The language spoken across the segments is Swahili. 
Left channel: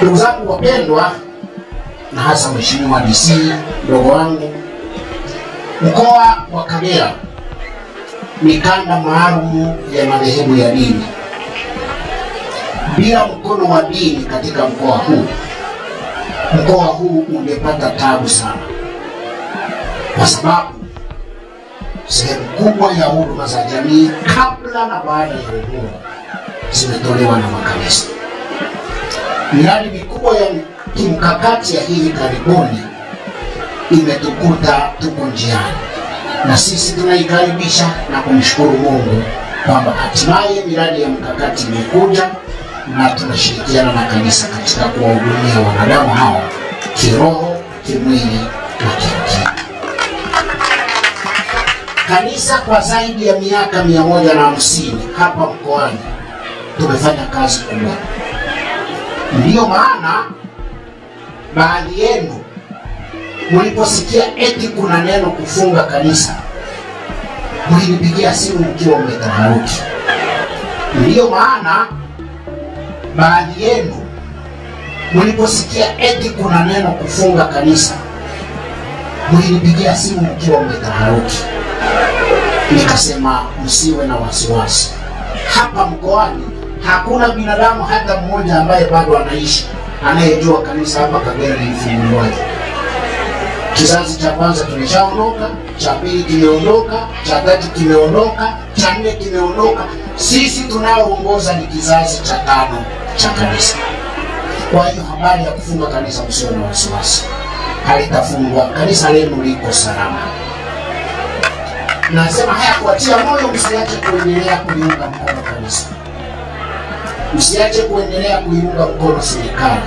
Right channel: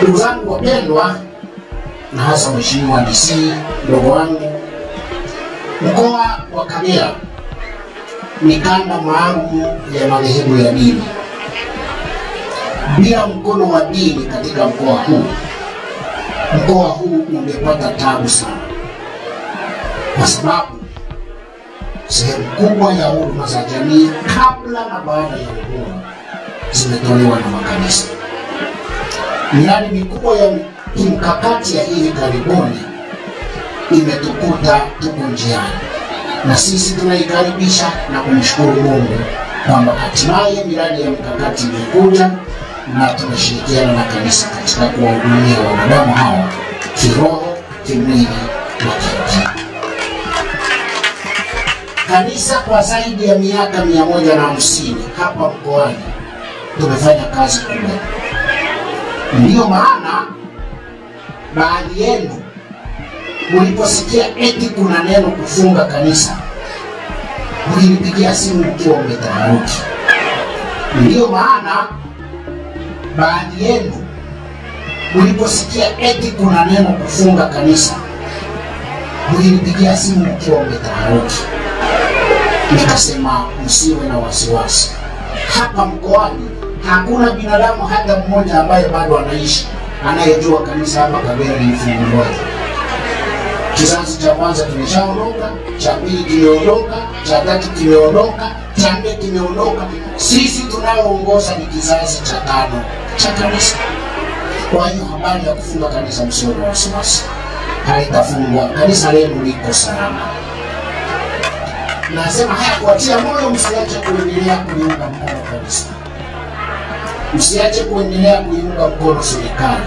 Ndugu zangu wapendwa, na hasa Mheshimiwa DC ndogo wangu, mkoa wa Kagera ni kanda maalum ya madhehebu ya dini. Bila mkono wa dini katika mkoa huu ungepata tabu sana, kwa sababu sehemu kubwa ya huduma za jamii kabla na baada ya uhuru zimetolewa na makanisa. Miradi mikubwa ya kimkakati ya hivi karibuni imetukuta tuko njiani, na sisi tunaikaribisha na kumshukuru Mungu kwamba hatimaye miradi ya mkakati imekuja, na tunashirikiana na kanisa katika kuwahudumia wanadamu hao kiroho, kimwili na kiakili. Kanisa kwa zaidi ya miaka 150 hapa mkoani tumefanya kazi kubwa. Ndiyo maana baadhi yenu mliposikia eti kuna neno kufunga kanisa, mlinipigia simu mkiwa mmetaharuki. Ndiyo maana baadhi yenu mliposikia eti kuna neno kufunga kanisa, mlinipigia simu mkiwa mmetaharuki. Nikasema msiwe na wasiwasi. Hapa mkoani hakuna binadamu hata mmoja ambaye bado anaishi anayejua kanisa hapa Kagera lilifunguliwaje. Kizazi cha kwanza tumeshaondoka, cha pili kimeondoka, cha tatu kimeondoka, cha nne kimeondoka. Sisi tunaoongoza ni kizazi cha 5 cha kanisa. Kwa hiyo habari ya kufunga kanisa msiwe na wasiwasi. Halitafungwa, kanisa lenu liko salama. Nasema haya kuatia moyo, msiache kuendelea kuiunga mkono kanisa. Msiache kuendelea kuiunga mkono serikali.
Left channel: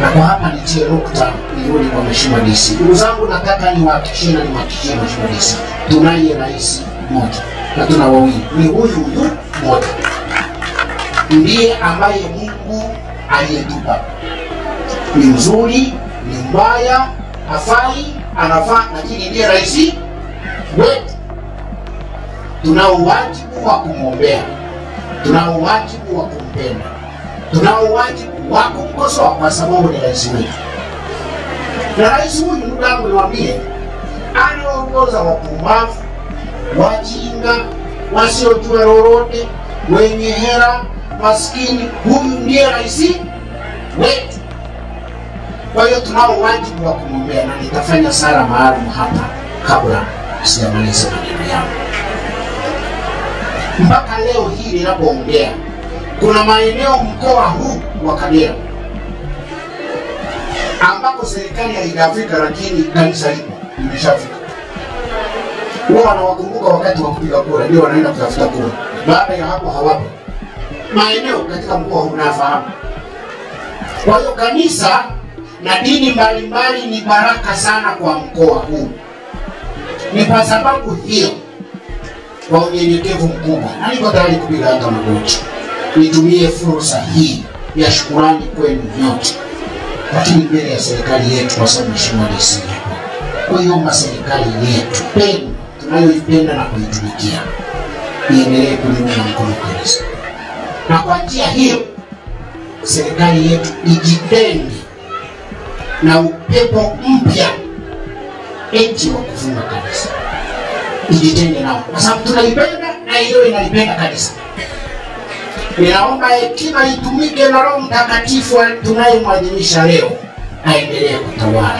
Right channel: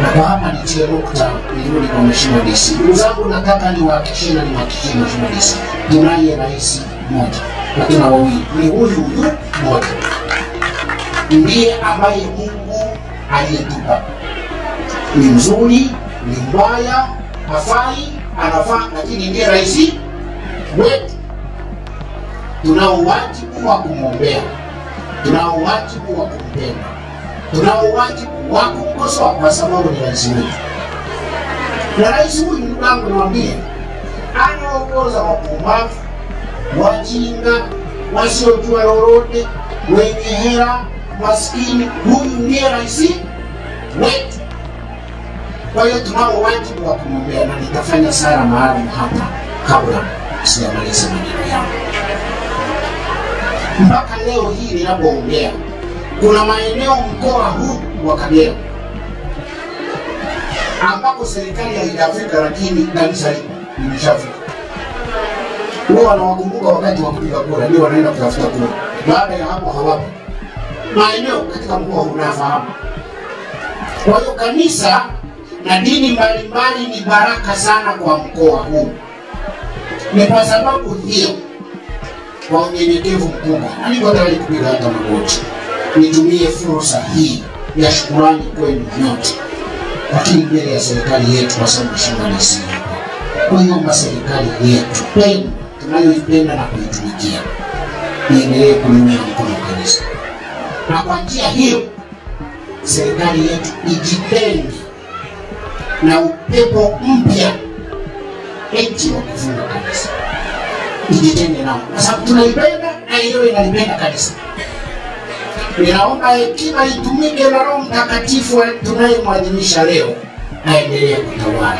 Na kwa hapa nitie nukta nirudi kwa Mheshimiwa DC. Ndugu zangu, nataka niwahakikishie Mheshimiwa DC, tunaye rais mmoja na tuna wawili. Ni huyu mmoja ndiye ambaye Mungu aliyetupa. Ni mzuri, ni mbaya, hafai, anafaa, lakini ndiye rais wetu. Tunao wajibu wa kumwombea, tunao wajibu wa kumpenda, tunao wajibu wa kumkosoa kwa sababu ni rais wetu. Na rais huyu, ndugu yangu, niwaambie, anaongoza wapumbavu, wajinga, wasiojua lolote, wenye hela, maskini. Huyu ndiye rais wetu. Kwa hiyo tunao wajibu wa kumwombea, na nitafanya sala maalum hapa kabla sijamaliza maneno yangu. Mpaka leo hii ninapoongea, kuna maeneo mkoa huu wa Kagera ambako serikali haijafika, lakini kanisa limeshafika. Wao wanawakumbuka wakati wa kupiga kura, ndio wanaenda kutafuta kura. Baada ya hapo hawapo. Maeneo katika mkoa huu unafahamu. Kwa hiyo kanisa na dini mbalimbali ni baraka sana kwa mkoa huu. Ni kwa sababu hiyo, kwa unyenyekevu mkubwa, na niko tayari kupiga hata magoti, nitumie fursa hii ya shukrani kwenu nyote, lakini mbele ya serikali yetu, kwa sababu Mheshimiwa DC kuiomba serikali yetu tunayoipenda na kuitumikia iendelee kuliunga mkono kanisa. Na kwa njia hiyo serikali yetu ijitenge na upepo mpya eti wa kufunga kanisa. Ijitenge nao, kwa sababu tunaipenda na hiyo inalipenda kanisa. Ninaomba hekima itumike na Roho Mtakatifu tunayemwadhimisha leo aendelee kutawala.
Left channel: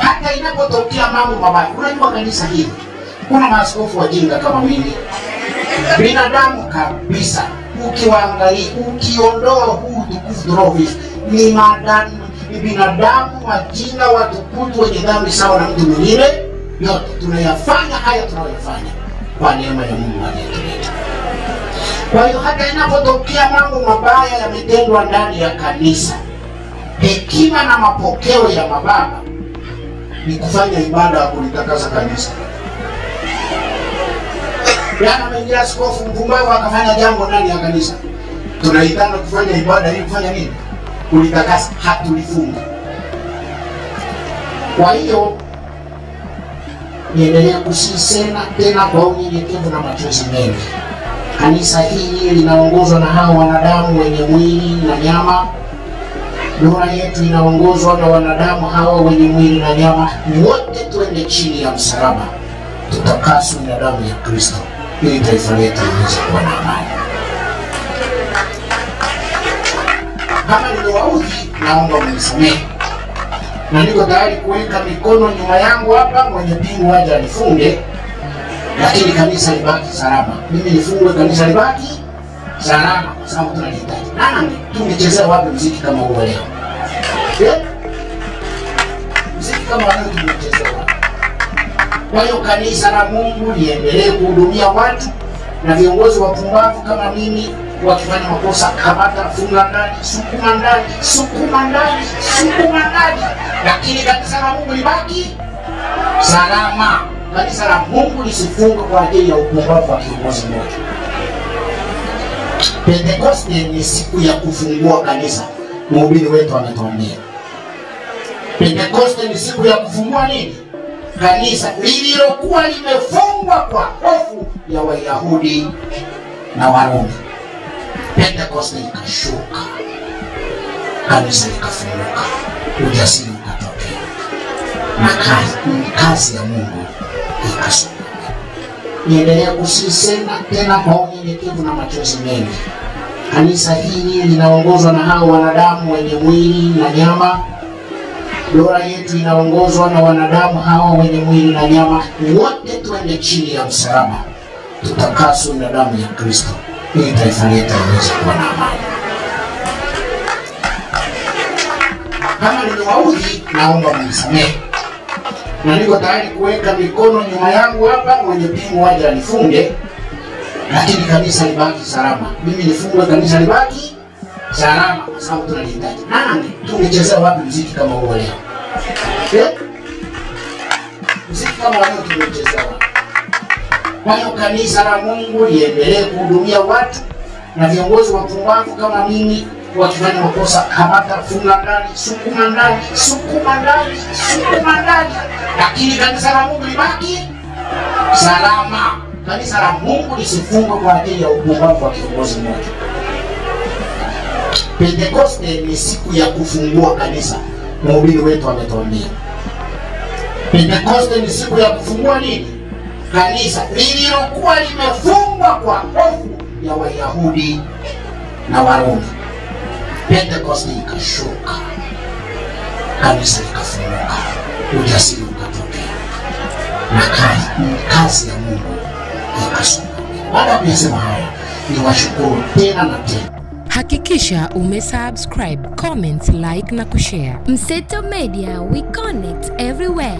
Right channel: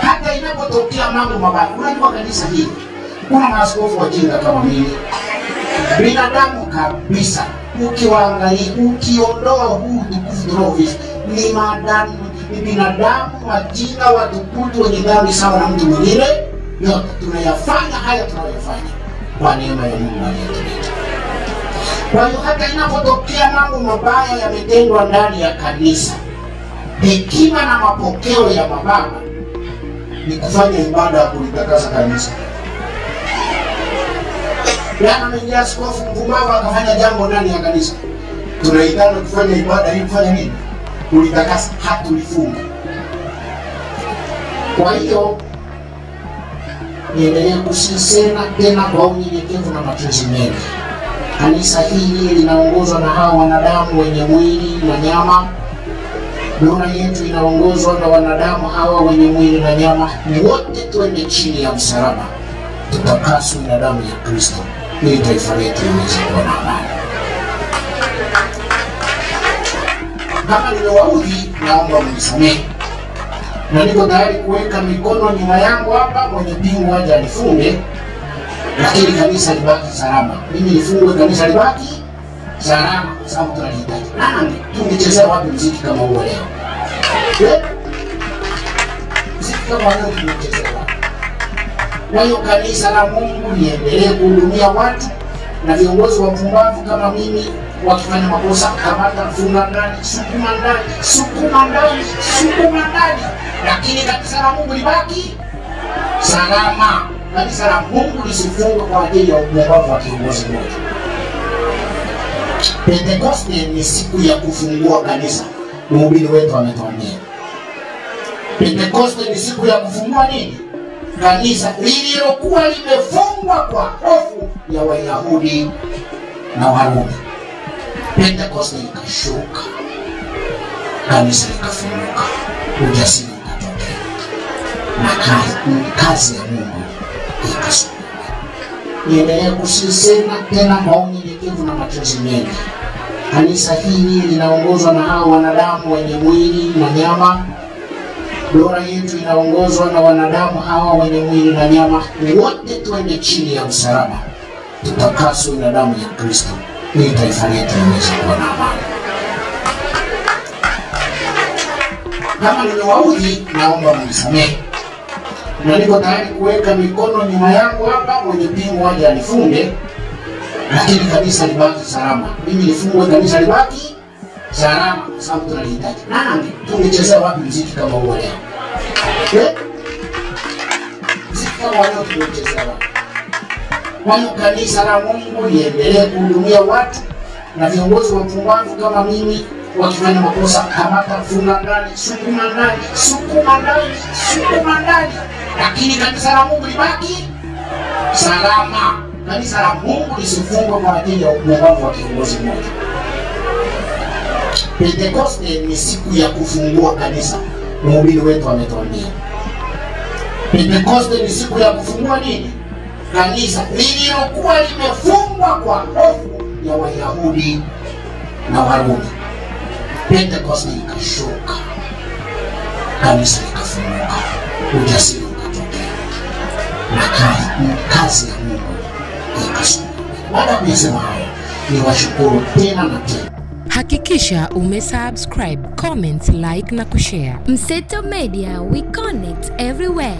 Hata inapotokea mambo mabaya, unajua kanisa hili kuna maaskofu wajinga kama mimi, binadamu kabisa. Ukiwaangalia, ukiondoa huu tukufu tunaoishi, ni binadamu wajinga, watukutu, wenye dhambi sawa na mtu mwingine. Yote tunayafanya haya tunayoyafanya kwa neema ya Mungu aliyetuleta. Kwa hiyo hata inapotokea mambo mabaya yametendwa ndani ya kanisa, hekima na mapokeo ya mababa ni kufanya ibada ya kulitakasa kanisa. Yana mengi askofu mpumbavu akafanya jambo ndani ya kanisa, tunaitana kufanya ibada ili kufanya nini? Kulitakasa, hatulifunga. Kwa hiyo niendelee kusisema tena kwa unyenyekevu na machozi mengi. Kanisa hili linaongozwa na hao wanadamu wenye mwili na nyama. Dola yetu inaongozwa na wanadamu hawa wenye mwili na nyama. Wote twende chini ya msalaba, tutakaswe na damu ya Kristo ili taifa letu liweze kuwa na amani. Kama nimewaudhi, naomba mnisamehe, na niko tayari kuweka mikono nyuma yangu hapa, mwenye pingu aje anifunge, lakini kanisa libaki salama. Mimi nifungwe, kanisa libaki salama, kwa sababu tunahitaji. Nani tungechezea wapi muziki kama huo leo? Muziki kama huo tungechezea wapi? Kwa hiyo kanisa la Mungu liendelee kuhudumia watu, na viongozi wapumbavu kama mimi wakifanya makosa, kamata, funga ndani, sukuma ndani, sukuma ndani, sukuma ndani, lakini kanisa la Mungu libaki salama. Kanisa la Mungu lisifungwe kwa ajili ya upumbavu wa kiongozi mmoja. Pentekoste ni siku ya kufungua kanisa. Mhubiri wetu ametuambia Pentekoste ni siku ya kufungua nini? Kanisa lililokuwa limefungwa kwa hofu ya Wayahudi na Warumi. Pentekoste ikashuka, kanisa likafunguka, ujasiri ukatokea, na kazi ya Mungu ikashuka. Niendelee kusisema tena kwa unyenyekevu na machozi mengi. Kanisa hili linaongozwa na hao wanadamu wenye mwili na nyama. Dola yetu inaongozwa na wanadamu hawa wenye mwili na nyama. Wote twende chini ya msalaba, tutakaswe na damu ya Kristo ili taifa letu liweze kuwa na amani. Kama nimewaudhi, naomba mnisamehe, na niko tayari kuweka mikono nyuma yangu hapa, mwenye pingu aje anifunge, lakini kanisa libaki salama. Mimi nifungwe, kanisa libaki salama, kwa sababu tunahitaji. Nani tungechezea wapi muziki kama huo leo? Muziki kama huo tungechezea wapi? Kwa hiyo kanisa la Mungu liendelee kuhudumia watu, na viongozi wapumbavu kama mimi wakifanya makosa, kamata, funga ndani, sukuma ndani, sukuma ndani, sukuma ndani, lakini kanisa la Mungu libaki salama. Kanisa la Mungu lisifungwe kwa ajili ya upumbavu wa kiongozi mmoja. Pentekoste ni siku ya kufungua kanisa. Mhubiri wetu ametuambia Pentekoste ni siku ya kufungua nini? Kanisa lililokuwa limefungwa kwa hofu ya Wayahudi na Warumi. Pentekoste ikashuka, kanisa likafunguka, ujasiri ukatokea, na kazi ya Mungu ikashuka. Baada ya kusema haya, niwashukuru tena na tena. Hakikisha umesubscribe, comment, like na kushare. Mseto Media, we connect everywhere.